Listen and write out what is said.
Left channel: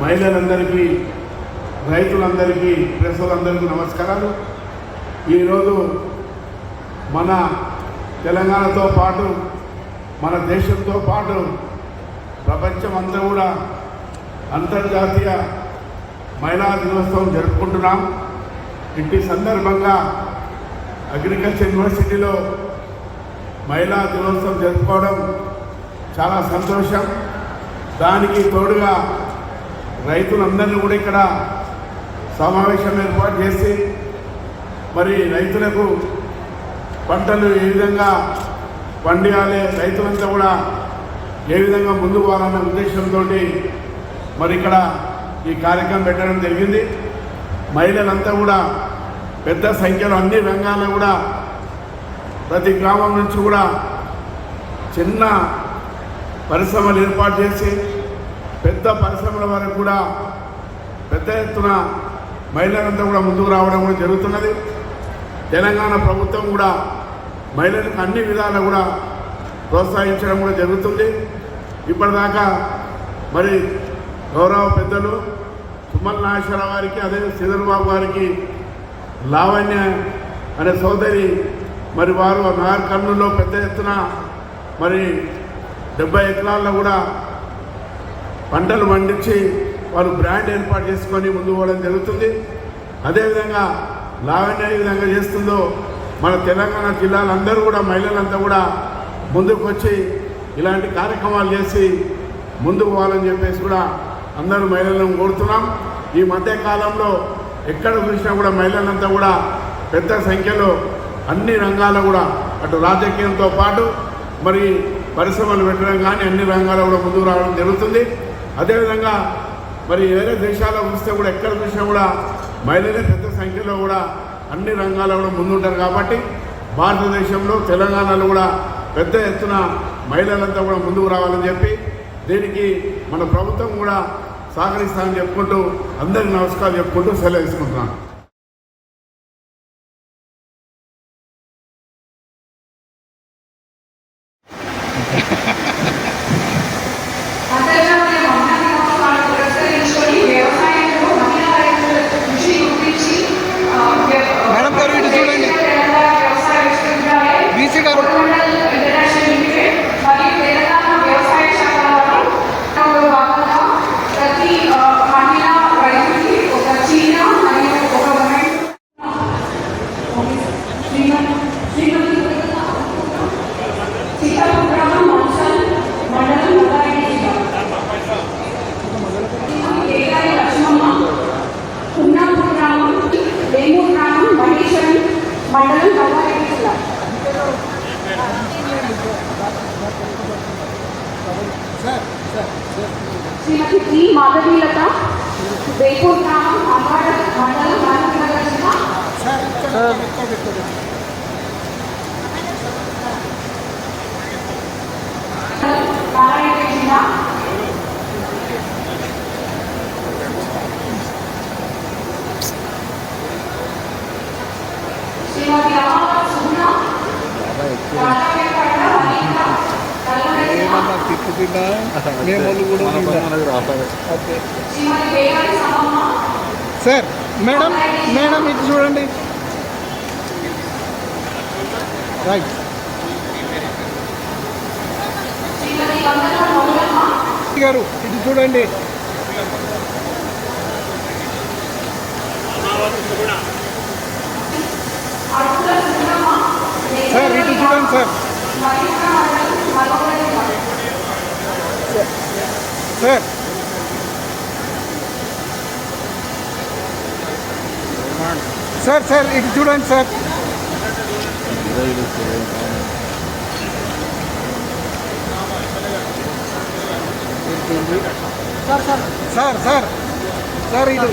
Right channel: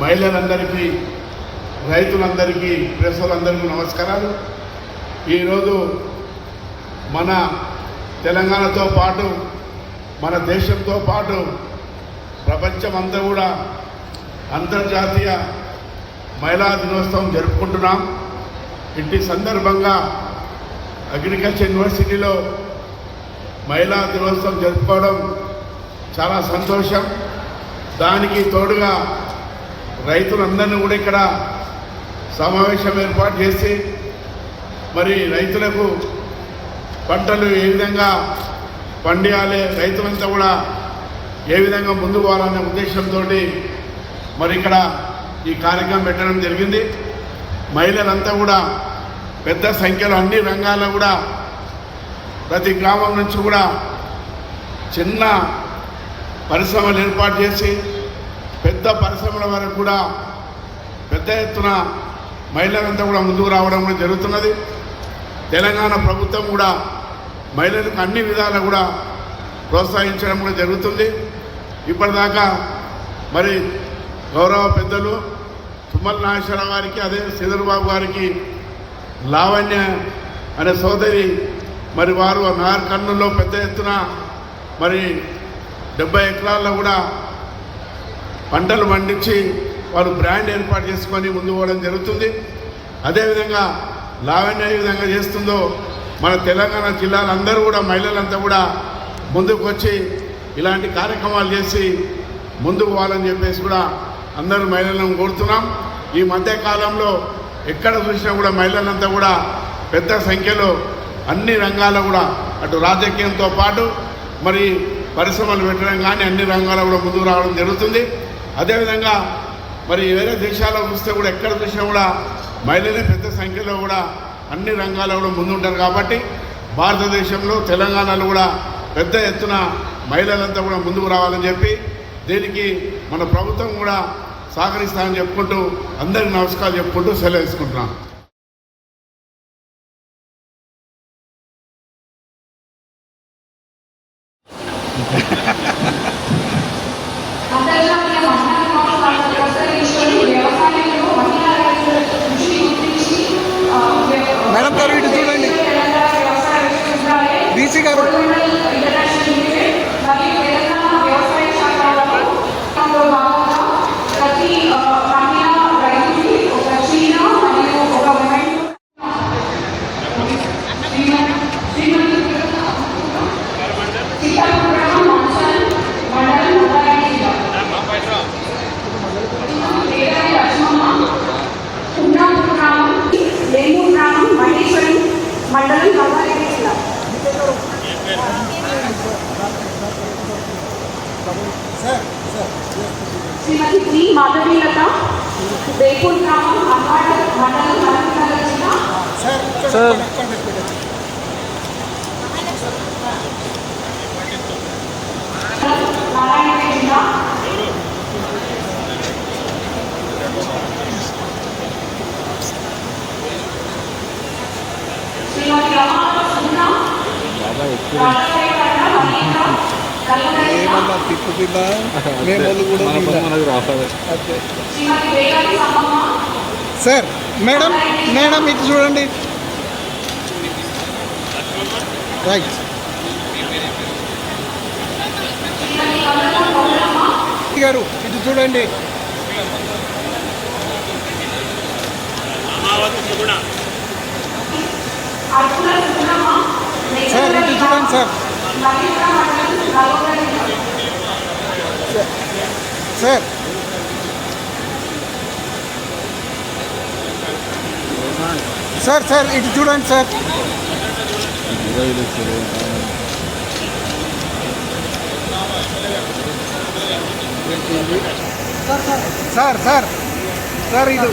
మహిళలందరికీ, రైతులందరికీ, ప్రెస్సులందరికీ నమస్కారాలు. ఈరోజు మన తెలంగాణతో పాటు మన దేశంతో పాటు ప్రపంచమంతా కూడా అంతర్జాతీయ మహిళా దినోత్సవం జరుపుకుంటున్నాం. ఇట్టి సందర్భంగా అగ్రికల్చర్ యూనివర్సిటీలో మహిళా దినోత్సవం జరుపుకోవడం చాలా సంతోషం. దానికి తోడుగా రైతులందరినీ కూడా ఇక్కడ సమావేశం ఏర్పాటు చేసి మరి రైతులకు పంటలు ఏ విధంగా పండియాలి, రైతులంతా కూడా ఏ విధంగా ముందుకు పోవాలన్న ఉద్దేశంతో మరి ఇక్కడ ఈ కార్యక్రమం పెట్టడం జరిగింది. మహిళలంతా కూడా పెద్ద సంఖ్యలో అన్ని రంగాల్లో కూడా ప్రతి గ్రామం నుంచి కూడా చిన్న పరిశ్రమలు ఏర్పాటు చేసి పెద్ద పరిశ్రమల వరకు కూడా పెద్ద ఎత్తున మహిళలంతా కూడా ముందుకు రావడం కూడా జరుగుతున్నది. తెలంగాణ ప్రభుత్వం కూడా మహిళలకు అన్ని విధాలు కూడా ప్రోత్సహించడం కూడా జరుగుతుంది. ఇప్పటిదాకా మరి గౌరవ పెద్దలు తుమ్మల నాగేశ్వరరావు గారికి, అదే శ్రీధర్బాబు గారికి లావణ్య అనే సోదరి మరి వారు నార్ కర్నూలులో పెద్ద ఎత్తున మరి 70 ఎకరాల్లో కూడా పంటలు పండించి వాళ్ళు బ్రాండ్ ఏర్పాటు చేసుకొని ముందు పోవడం జరుగుతుంది. అదేవిధంగా లావణ్య ఏ విధంగా చేస్తుందో మన తెలంగాణ జిల్లాలందరూ కూడా మహిళలంతా కూడా ముందుకు వచ్చి ఇలాంటి కార్యక్రమాలు చేసి ముందుకు పోవాలని చెప్పేసి కూడా అందరూ మహిళలను కోరుతున్నాం. ఈ మధ్యకాలంలో ఎక్కడ చూసినా కూడా మహిళలంతా కూడా పెద్ద సంఖ్యలో అన్ని రంగాల్లో కూడా అటు రాజకీయంతో పాటు మరి పరిశ్రమలు పెట్టడం కానీ అన్ని రంగాల్లో కూడా ముందుకు రావడం జరుగుతుంది. అదేవిధంగా మరి వేరే దేశాల్లో చూస్తే కూడా ఎక్కడ చూసినా కూడా మహిళలే పెద్ద సంఖ్యలో కూడా అన్ని రంగాల్లో కూడా ముందుంటారు. కాబట్టి భారతదేశంలో తెలంగాణలో కూడా పెద్ద ఎత్తున మహిళలంతా కూడా ముందుకు రావాలని చెప్పి దీనికి మన ప్రభుత్వం కూడా సహకరిస్తామని చెప్పుకుంటూ అందరికీ నమస్కారాలు చెప్పుకుంటూ సెలవు తీసుకుంటున్నాం. మేడం గారు ఇటు చూడండి, బీసీ గారు మండలం గౌరారెడ్డి జిల్లా. శ్రీమతి టి మాధవీలత, బేపూర్ గ్రామం, అమ్మాడ మండలం, మహబూబ్నగర్ జిల్లా. ఏమన్నా తిట్లు తిన్నా మేము వాళ్ళు కూడా తిన్నా అంతే సార్. మేడం మేడం ఇటు చూడండి. రైట్. గారు ఇటు చూడండి. సార్ ఇటు చూడండి సార్. సార్ సార్ సార్ ఇటు చూడండి సార్. సార్ సార్ సార్ ఇటు